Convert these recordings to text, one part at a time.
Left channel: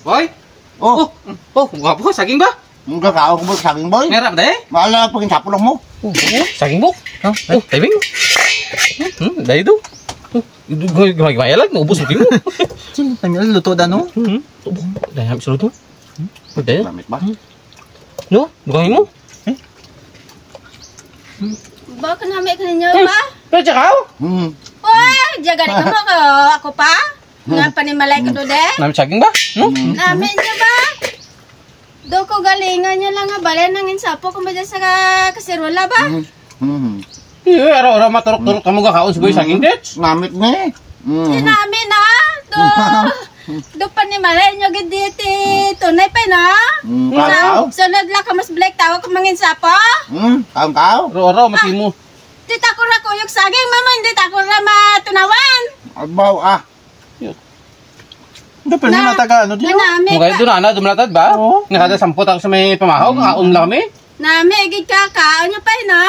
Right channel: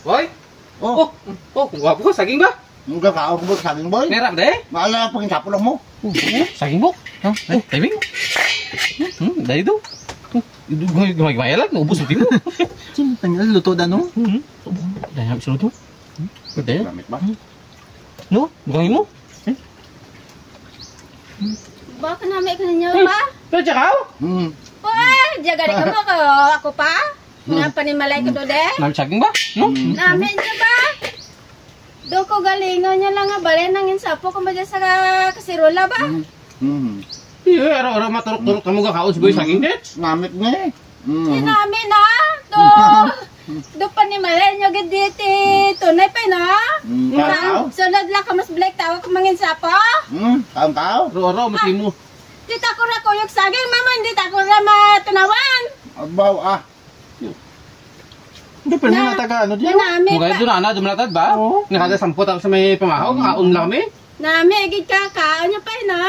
Boy? Oh, Gwapo ka, saging ba? ang kakao ko ba saging boy? Merap deh? Maala pagin sapo lang mo. Saging bok? Timing mo? Dahil ito? Gumagmaya lang, naubos mo mo. Sino kanya luto da no? Dahil habis luto. Dahil? Gamit ba? No? Bukangin mo? Baka namin ka ninyo pa? Pero tsakaw? Uy, jaga di ka mo ako pa? Nga panimalay ka do de? Namin saging ba? Namin niya ba? Do ko galingan niya lang nga balen nangin sapo kung ba dyan sa kasirola ba? Araw-araw maturok-turok ka mo kakaon sa boy saging tits. Gamit ni. Namin na. Do panimalay niyo giditi. Tunay pa na. Sunod lang ka mas black tawag kung mangin sapo. Kaon. Araw-araw mati mo. Di tako na ko yung saging mama, hindi tako na matunawan. Agbaw Hindi pa niya mataga ano di. Namin Mukha ito na, dumalatad ba? Nakada 10 ako sa may pamahaw, kakaon lang kami. Nami, igid ka, kaon niya pa na.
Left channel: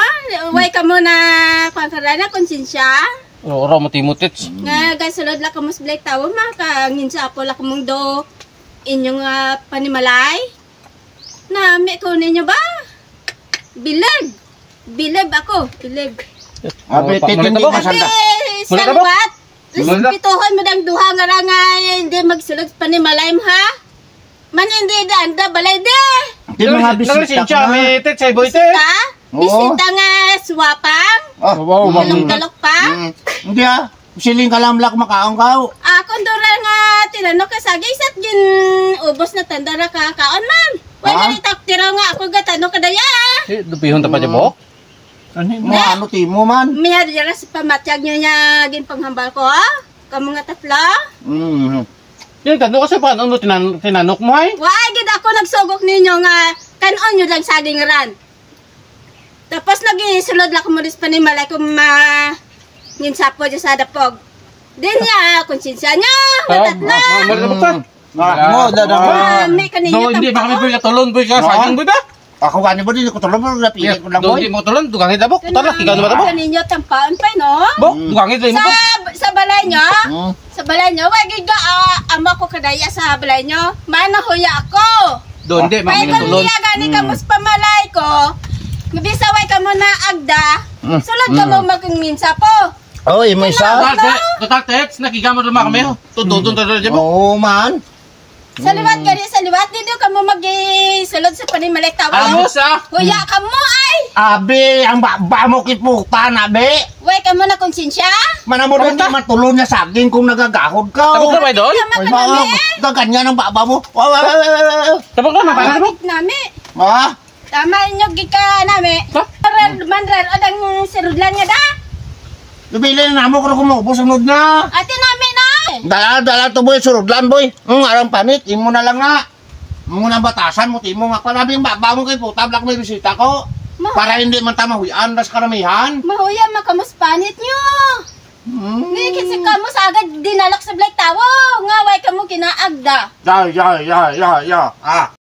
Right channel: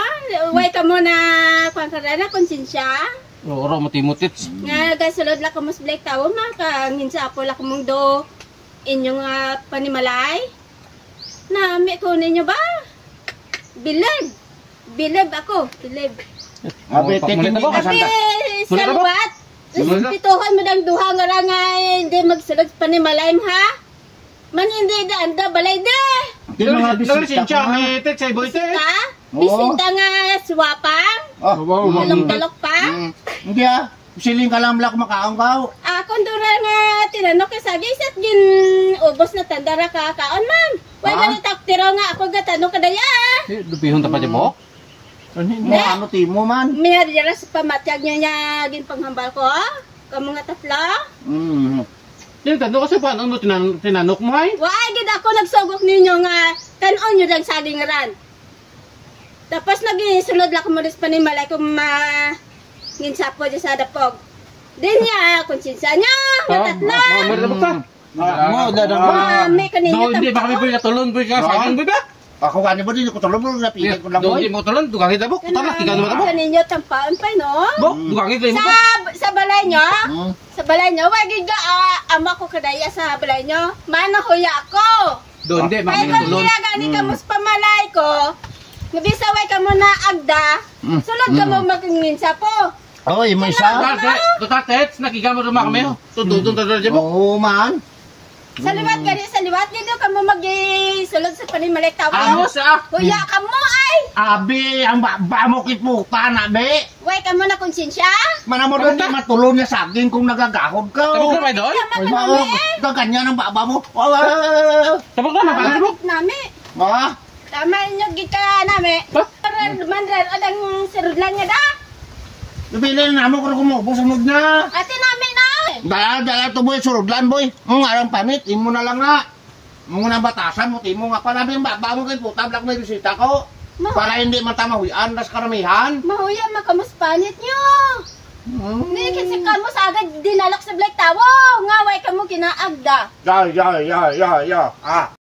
Uway ka mo na, pangkara na, konsensya. Araw-araw mati mo tits. Nga, gasulod lang ka mas black tawo, kangin sa ako lang kumong do inyong panimalay. Nami, kunin niyo ba? Bilib. Bilib ako, bilib. Abi titin Mulita ba? sanda. Mulita ba? Salbat. Mulita? Pituhon mo dang duha nga lang hindi magsulod panimalay mo ha? Man hindi da balay de. Tino nga bisita Naglisensya ko na. kami tits, ay boy tits. Bisita? Bisita nga swapang? Wow, Talok-talok pa? Hindi siling kalamlak makaon ka. Ako dura nga tinanong ka sa gisat gin ubos na tandara ka kaon man. Wala ni taktira nga ako gatanong kadaya. Dupihon ta pa dyan bok? Ano timo man? May dira sa pamatyag nyo niya gin panghambal ko ha? Kamu nga tatlo? Yan, tanong kasi pa, ano tinanok mo ay? Why gid ako nagsugok ninyo nga kanon nyo lang saging ran. Tapos nagisulod lang ko mo rin panimalay kung nginsapo dyan sa dapog. Din niya, konsensya niya, matatlo. Mulita ba ka? Mo dadang May kanina No, hindi ba kami boy katulon boy ka, saging boy ba? Ako gani ba din ko tulog mo napili ko lang Do, boy. hindi mo katulon, dugangin na bok, tala, kigano ba ta bok? Kaninyo tampaan pa, no? Bok, dugangin tayo mo bok. Sa balay nyo, sa balay nyo, wagig ka, ama ko kadaya sa balay nyo, manahuya ako. Do, hindi, May mami kung tulon. niya gani ka mo sa pamalay ko, nabisaway ka mo na agda, sulod ka mo magninsa po. Oy, may isa. Total tets, nakigamo rin kami. Tututun tayo dyan bok. Oo man. Sa liwat gani, sa liwat, dito ka mo mag-sulod sa panimalik tawa. Ano sa? Huya ka mo ay! Abi, ang baba mo kiputa na be. Way ka mo na konsensya? Mana mo doon matulong na saging kung nagagahod ka. Tabok na ba doon? Tama Ay, ka nami. ganyan ang baba mo. Tabok na, mapala tabok. Nami. Ma? Tama inyo gika nami. Ha? Manran, odang sirudlan nga da. Bibili na mo kung kumubos sunod na. Ate nami na. Dala to boy, surudlan boy. Arang panit, imo na lang na. Mo na batasan mo, timo nga panabi ang baba mo kay puta, black may bisita ko. Para hindi man tamahuyan, das karamihan. Mahuya makamuspanit nyo. Ngayon kasi ka mo sa agad dinalak sa Black Tawo. Nga way ka mo kinaagda. Ya.